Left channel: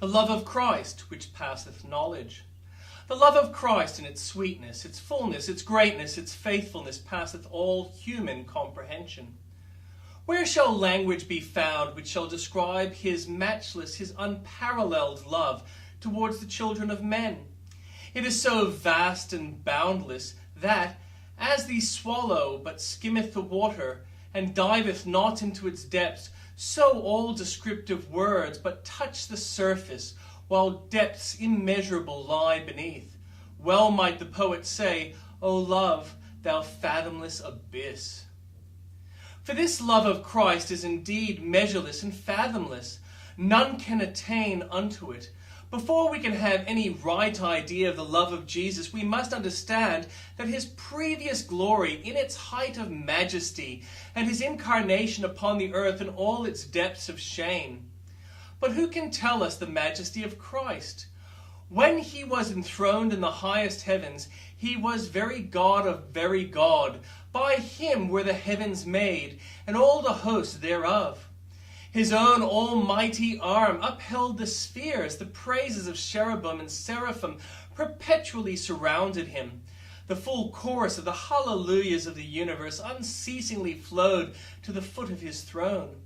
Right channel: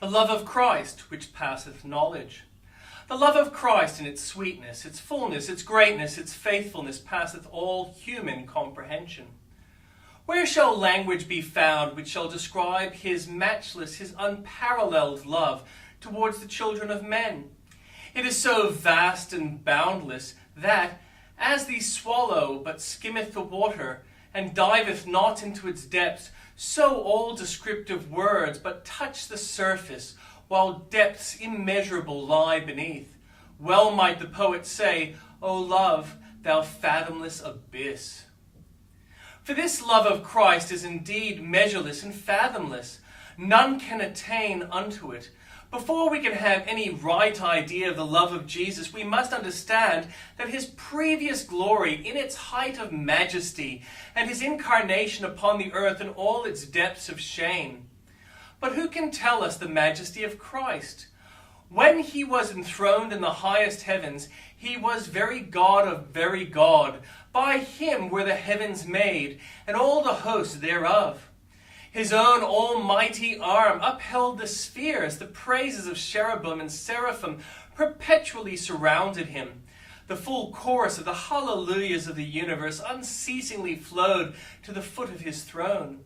The love of Christ, which passeth knowledge. The love of Christ in its sweetness, its fullness, its greatness, its faithfulness, passeth all human comprehension. Where shall language be found which shall describe his matchless, his unparalleled love towards the children of men? It is so vast and boundless that, as the swallow but skimmeth the water, and diveth not into its depths, so all descriptive words but touch the surface, while depths immeasurable lie beneath. Well might the poet say, O love, thou fathomless abyss. For this love of Christ is indeed measureless and fathomless. None can attain unto it. Before we can have any right idea of the love of Jesus, we must understand that his previous glory in its height of majesty and his incarnation upon the earth in all its depths of shame. But who can tell us the majesty of Christ? When he was enthroned in the highest heavens, he was very God of very God. By him were the heavens made, and all the host thereof. His own almighty arm upheld the spheres. The praises of cherubim and seraphim perpetually surrounded him. The full chorus of the hallelujahs of the universe unceasingly flowed to the foot of his throne.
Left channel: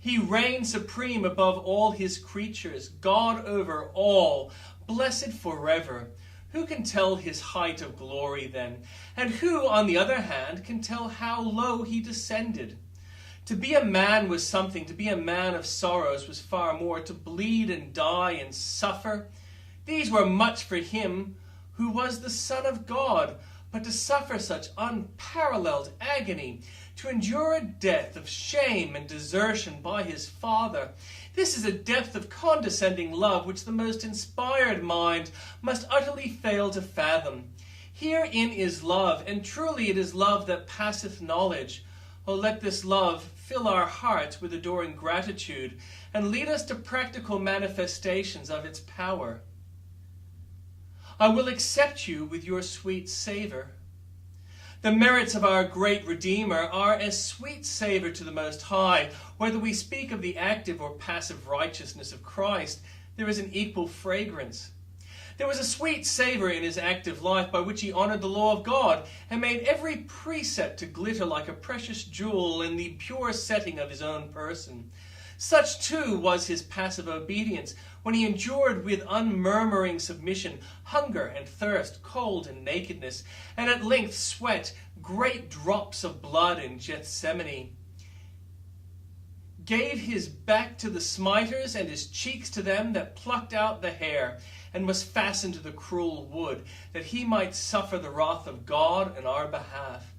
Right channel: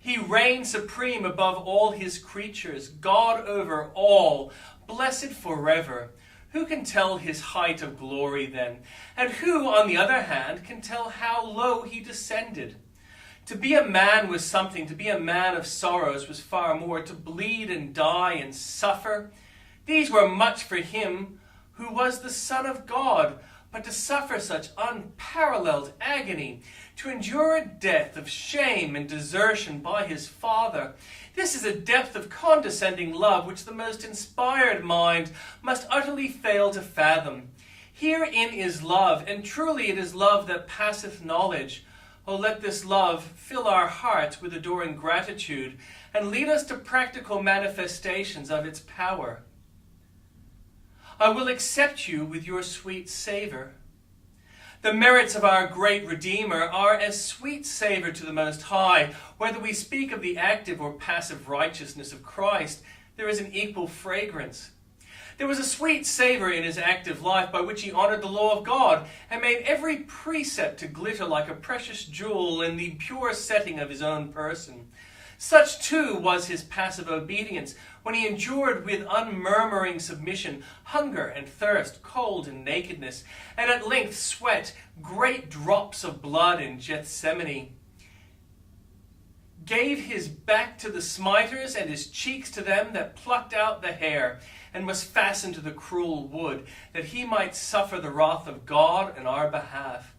He reigned supreme above all his creatures, God over all, blessed forever. Who can tell his height of glory then? And who, on the other hand, can tell how low he descended? To be a man was something. To be a man of sorrows was far more. To bleed and die and suffer, these were much for him who was the Son of God. But to suffer such unparalleled agony, to endure a death of shame and desertion by his Father, this is a depth of condescending love which the most inspired mind must utterly fail to fathom. Herein is love, and truly it is love that passeth knowledge. Oh, let this love fill our hearts with adoring gratitude and lead us to practical manifestations of its power. I will accept you with your sweet savor. The merits of our great Redeemer are as sweet savor to the Most High. Whether we speak of the active or passive righteousness of Christ, there is an equal fragrance. There was a sweet savor in his active life by which he honored the law of God and made every precept to glitter like a precious jewel in the pure setting of his own person. Such too was his passive obedience when he endured with unmurmuring submission hunger and thirst, cold and nakedness, and at length sweat great drops of blood in Gethsemane. Gave his back to the smiters and his cheeks to them that plucked out the hair, and was fastened to the cruel wood, that he might suffer the wrath of God in our behalf.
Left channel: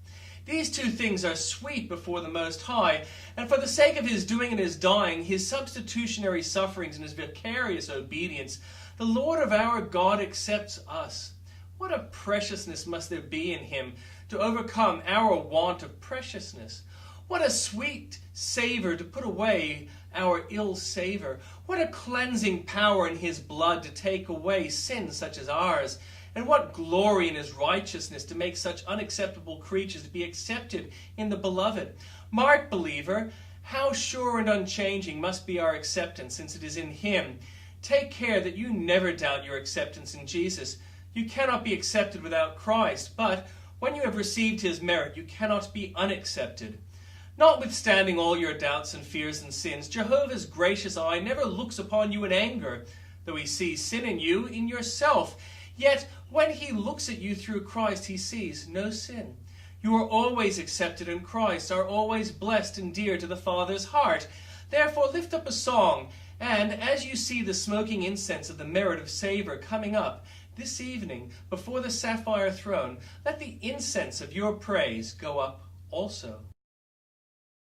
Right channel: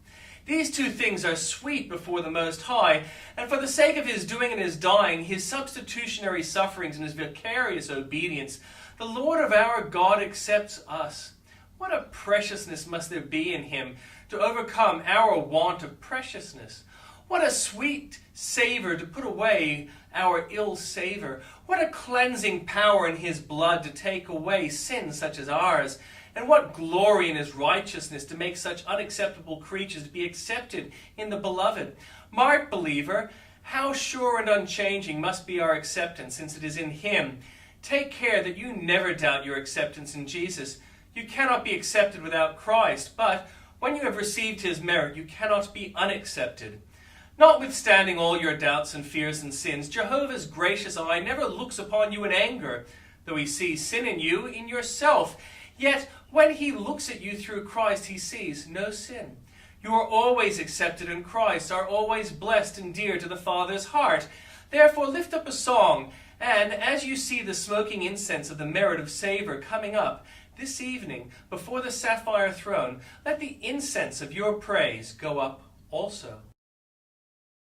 These two things are sweet before the Most High, and for the sake of his doing and his dying, his substitutionary sufferings and his vicarious obedience, the Lord of our God accepts us. What a preciousness must there be in him to overcome our want of preciousness. What a sweet savor to put away our ill savor. What a cleansing power in his blood to take away sins such as ours. And what glory in his righteousness to make such unacceptable creatures to be accepted in the beloved. Mark, believer, how sure and unchanging must be our acceptance, since it is in him. Take care that you never doubt your acceptance in Jesus. You cannot be accepted without Christ, but when you have received his merit, you cannot be unaccepted. Notwithstanding all your doubts and fears and sins, Jehovah's gracious eye never looks upon you in anger, though he sees sin in you, in yourself. Yet when he looks at you through Christ, he sees no sin. You are always accepted in Christ, are always blessed and dear to the Father's heart. Therefore lift up a song, and as you see the smoking incense of the merit of savor coming up this evening before the sapphire throne, let the incense of your praise go up also.